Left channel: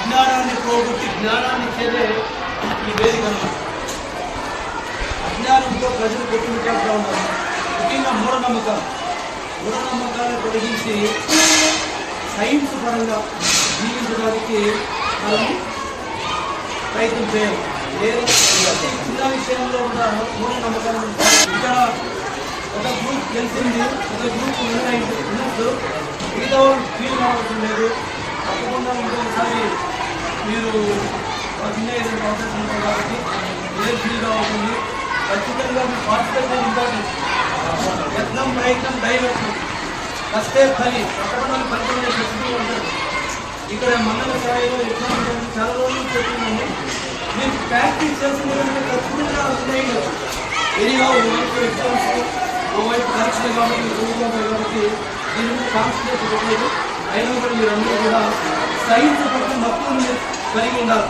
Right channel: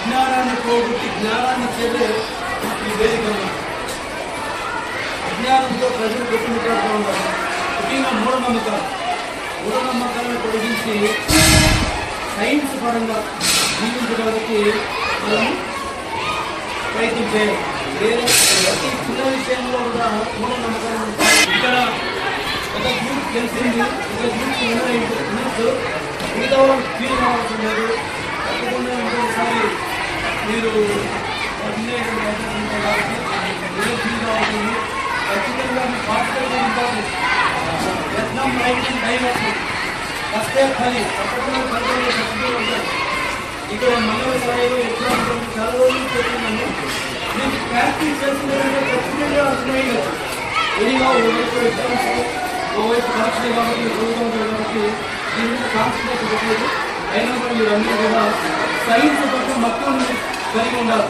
అజ్ఞానాన్ని పోగొట్టి జ్ఞానాన్ని ఇచ్చేదే ఈ వేదిక అన్నమాట. అజ్ఞానంతో ప్రజలు కొట్టుమిట్టాడుతూ ఉంటారు. ముఖ్యంగా మూఢనమ్మకాలను పొడిగించి సైన్స్ పరంగా జీవించడానికి మనము ప్రయత్నం చేయాలి. వేరే చిన్న విషయంలో కూడా మూఢనమ్మకాలను ఇక్కడ ఒక గ్రూప్ తెలిసింది, ఒక గ్రూప్ వినొచ్చు, మిగతా వాళ్ళు ఫీల్ కావాల్సిన లేదు. తప్పకుండా ఇంకొకసారి మీరు చిన్న అవకాశం ఉంటాయి కాబట్టి ఏం ఫీల్ కావాల్సింది. ఖచ్చితంగా మీ పార్టికల్గా ఇంపార్టెంట్. యత్నం ప్రయత్నం దైవత్వం కష్టే ఫలి, తప్పకుండా ఫలితం శక్తి ఉంటుంది. ఇక్కడ మండల స్థాయిలో ఎట్లా ఉంటుంది చాలా రోజులు చెప్తున్నాము. మీరు ప్రాక్టీస్ చేస్తుందంటే ఖచ్చితంగా అర్థమయ్యచ్చు. ఎనిగా ఓవైపు ఎగ్జామ్స్, ఓవైపు పరీక్షలు కాబట్టి మీరు చదువుకుంటారు కాబట్టి దీని మీద కాన్సన్ట్రేట్ పెట్టలేదు. అయినా కూడా మీరు అందరూ కూడా సైన్స్ పట్ల మక్కువను కలిగి ఉండాలి.